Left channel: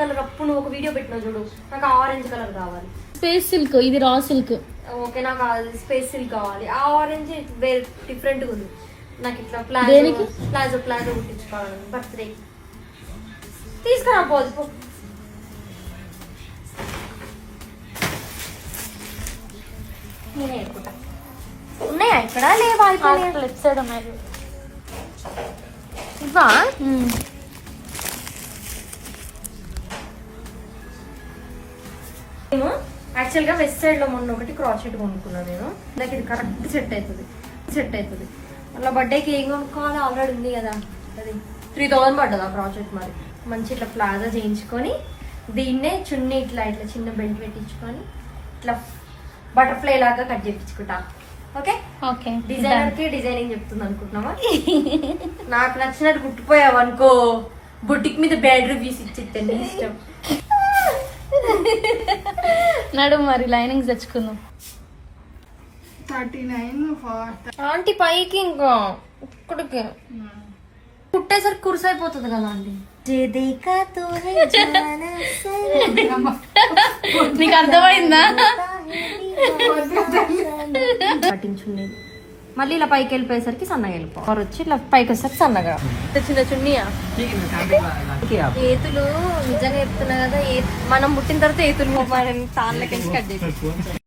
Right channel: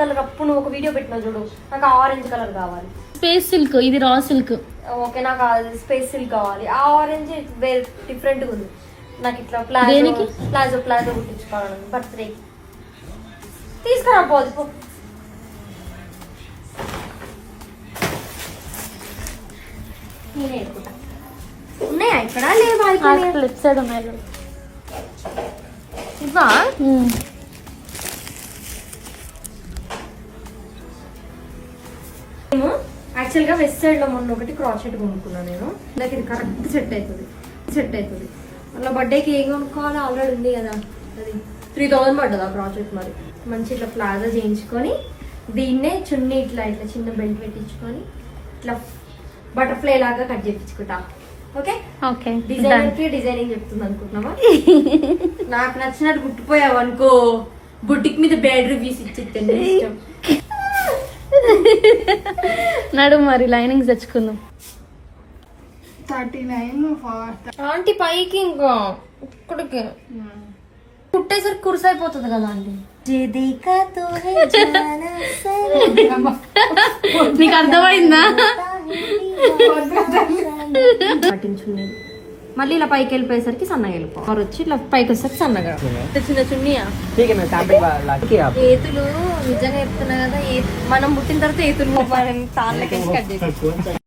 Colour అప్పుడు నువ్వు ఒక వీడియో పెట్టినావు చూడు, నాకు ఆరెంజ్ కలర్ కావాలి. స్పేస్ సిల్క్, ఇది రా సిల్క్. ఓకే, నాకు స్పేస్ సిల్క్ కావాలి. ఆ ఆరెంజ్ వేరే డిఫరెంట్ గా ఉంది. నాకు ఇట్లా ప్లాజో కుట్టించుకోవాలి బర్త్డే. తీసుకురా పోదు పో. నేనే ఎడుకుంటా. ఉన్నాయా ఇక్కడ? లేవా? అయిపోయినాయి. లెఫ్ట్ సైడ్ ఉన్నాయి. ఇవా? నేను యాక్చువల్ గా వెస్ట్ సైడ్ లో మొన్న ఒకటి క్రాస్ సెట్ కొనుక్కున్నాను నేను. నాకు ఇది కరెక్ట్ సెట్ అవుతుంది. అలా బర్త్డేకి ఏం కొనుక్కోవాలి? ఆల్రెడీ ఉంది కదా, అది 3000 పడ్డది ఆ క్రాస్ సెట్. మరి మంచి ఇట్లా ప్లాజా చేయించుకొని దీన్నే చున్నీ ఇట్లా చిన్న బెల్ట్ పెట్టించుకొని ఇట్లా బటర్ఫ్లై లాగా కట్ చేయించుకుంటా. ఓకే, డిజైనర్ కి డిజైనింగ్ చెప్తుంది అనుకుంటున్నావా? నాకు నచ్చినట్టు కుట్టిపోయావు అనుకో, బుట్టిక్ మీద బ్యాడ్ రివ్యూస్ ఇచ్చేస్తాను. ఇష్టం నడు మరి లైనింగ్స్ తెచ్చుకున్నాం. 39 ఆంటీ పైకి ఇంకా ఇక్కడికి కుట్టేసరికి కురుసైపోతుంది కదా ఆంటీ. నీకు అర్థమైందా? పట్టించుండేది మళ్ళీ ఇలా పైకి వెళ్ళిపోయేసరికి సన్నగా వెళ్ళిపోవాలి. వచ్చి ఇట్లా పైకి వచ్చేసరికి సన్నగా. చిన్న చున్నీయా? ఏతులు నిజంగా చెప్తున్నా కదా, మనం పుట్టిన తర్వాత ఏతులు తాళ్ళకి కట్ చేసి